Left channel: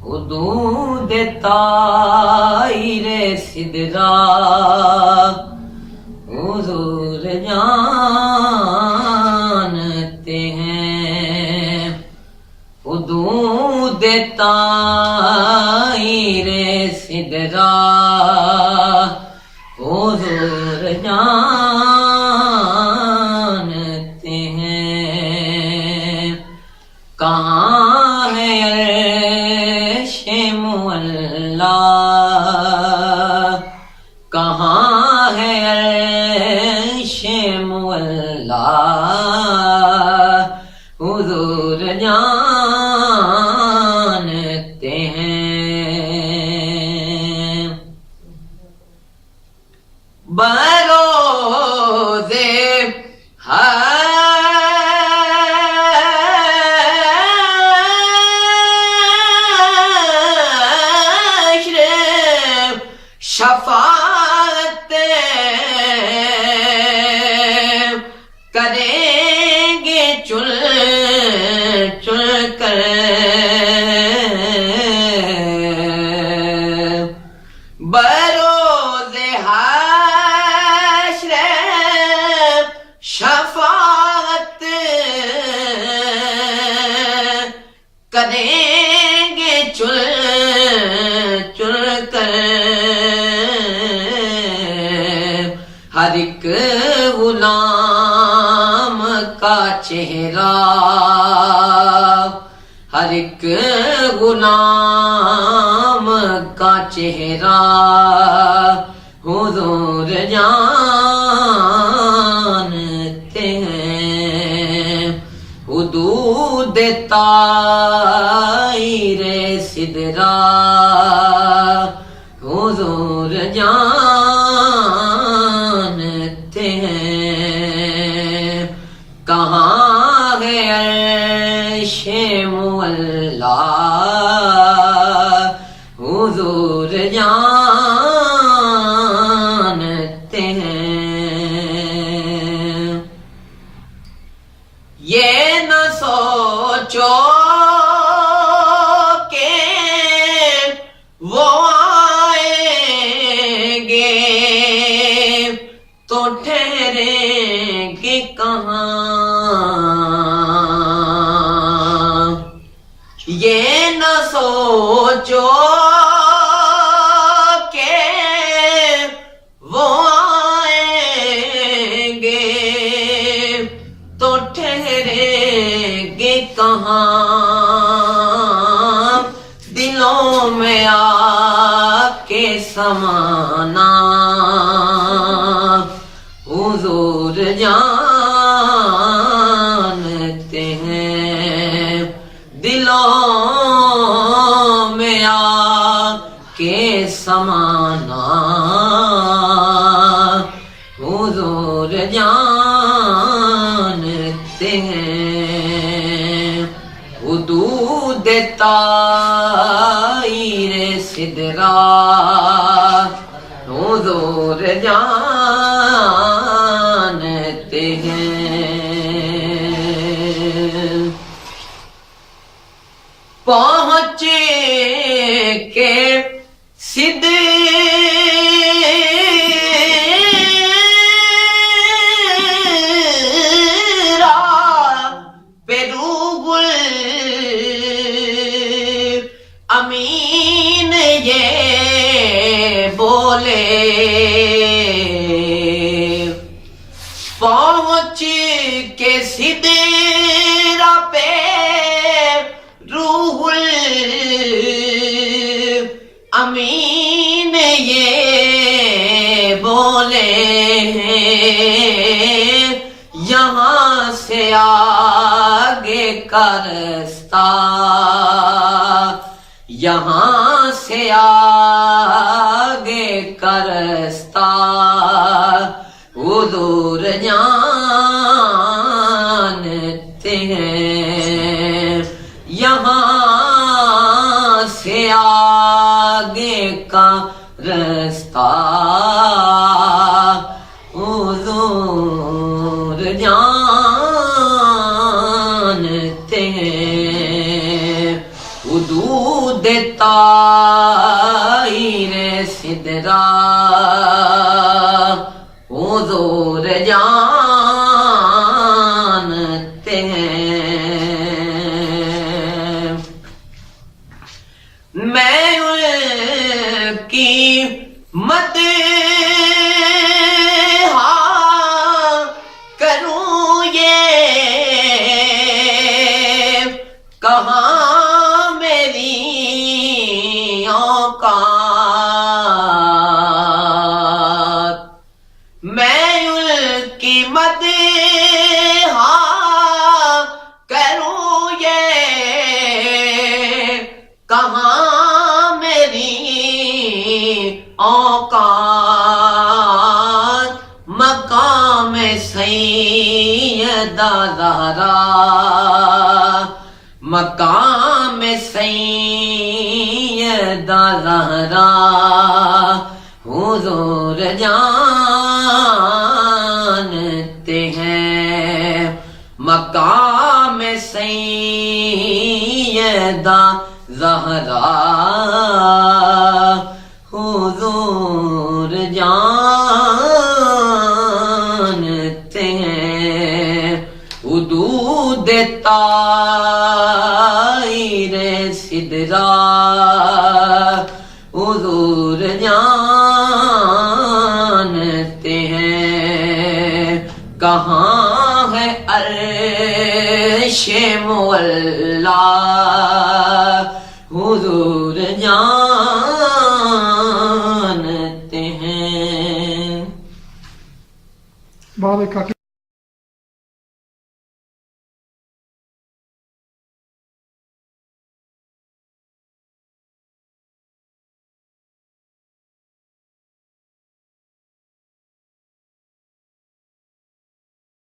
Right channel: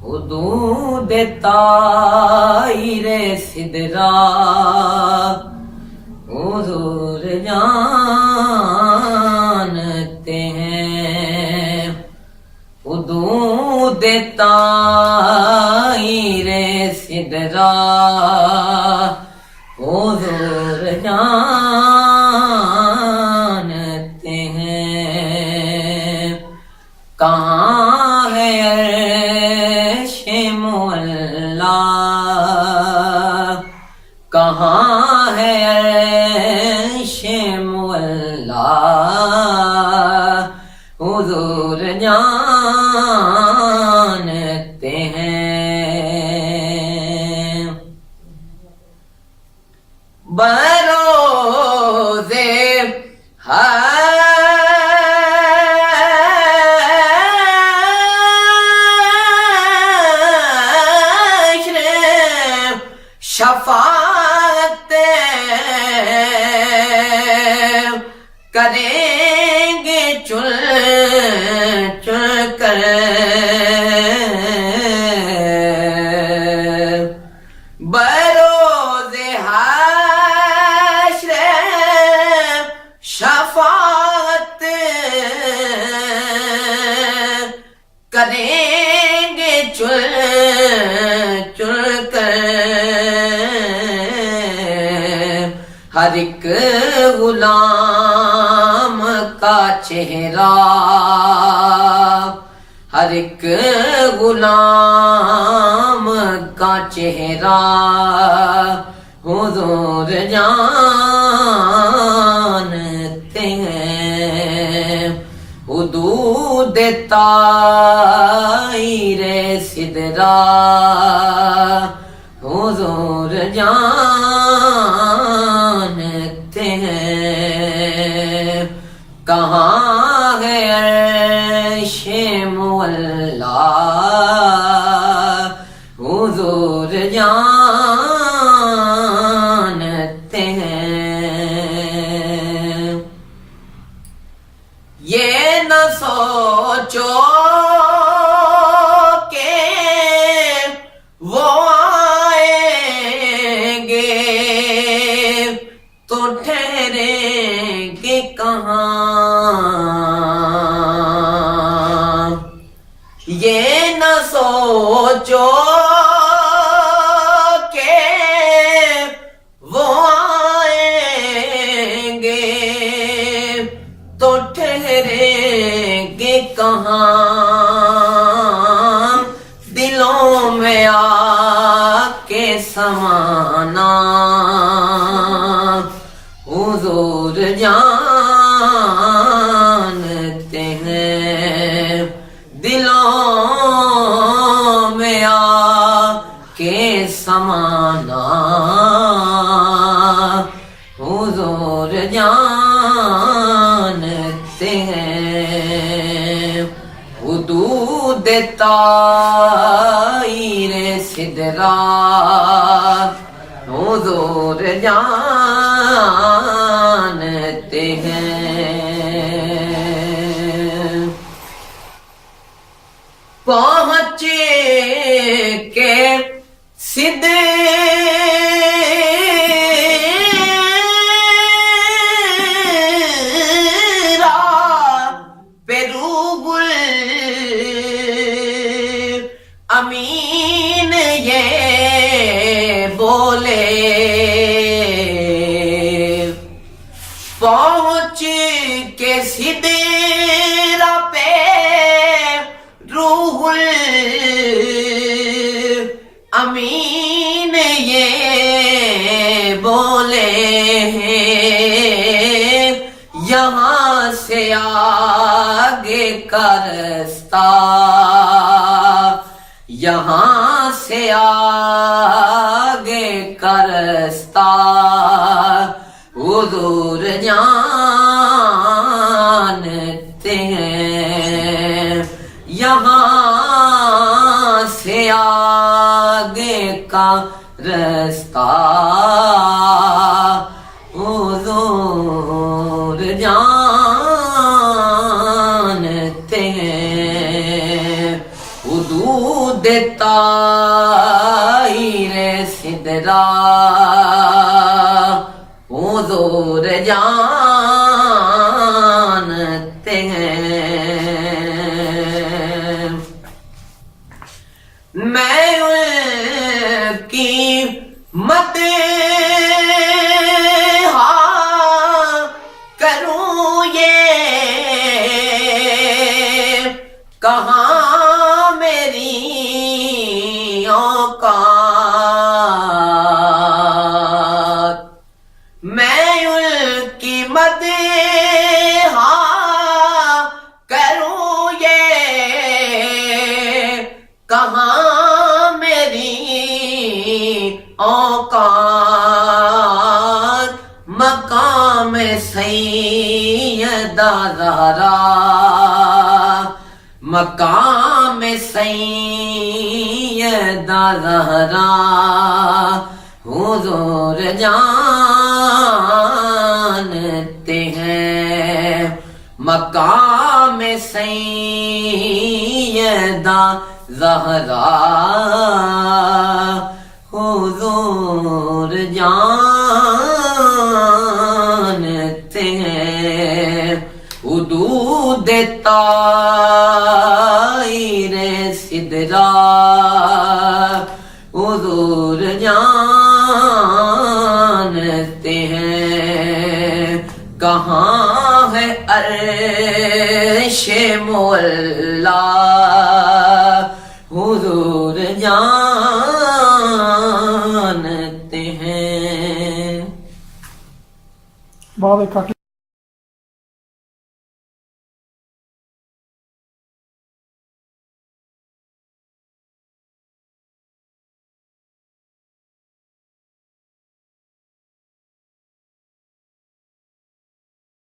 حدود طائر سدرا حضور جانتے ہیں، حدود طائر سدرا حضور جانتے ہیں، کہاں ہے عرش معلا، کہاں ہے عرش معلا، حضور جانتے ہیں، بروز حشر شفاعت کریں گے چل چل کر، بروز حشر شفاعت کریں گے چل چل کر، ہر ایک غلام کا چہرہ، ہر ایک غلام کا چہرہ حضور جانتے ہیں، حدود طائر سدرا حضور جانتے ہیں، کہاں ہے عرش معلا، حضور جانتے ہیں، یہ نہ سوچو کہ وہ آئیں گے تو ٹھہریں گے کہاں، یہ نہ سوچو کہ وہ آئیں گے تو ٹھہریں گے کہاں، دلوں میں آ کے سمانا حضور جانتے ہیں، دلوں میں آ کے سمانا حضور جانتے ہیں، حدود طائر سدرا حضور جانتے ہیں، پہنچ کے سدرا پہ روح الامین یہ بولے، پہنچ کے سدرا پہ روح الامین یہ بولے ہیں، یہاں سے آگے کا رستہ، یہاں سے آگے کا رستہ حضور جانتے ہیں، یہاں آگے کا رستہ حضور جانتے ہیں حدود طائر سدرا حضور جانتے ہیں میں ان کی مدح کروں یہ کہاں میری اوقات میں ان کی مدح کروں یہ کہاں میری اوقات مقام سیدہ زہرا مقام سیدہ زہرا حضور جانتے ہیں مقام سیدہ زہرا حضور جانتے ہیں حدود طائر سدرا حضور جانتے ہیں کہاں ہے عرش مولا حضور جانتے ہیں بعد ایک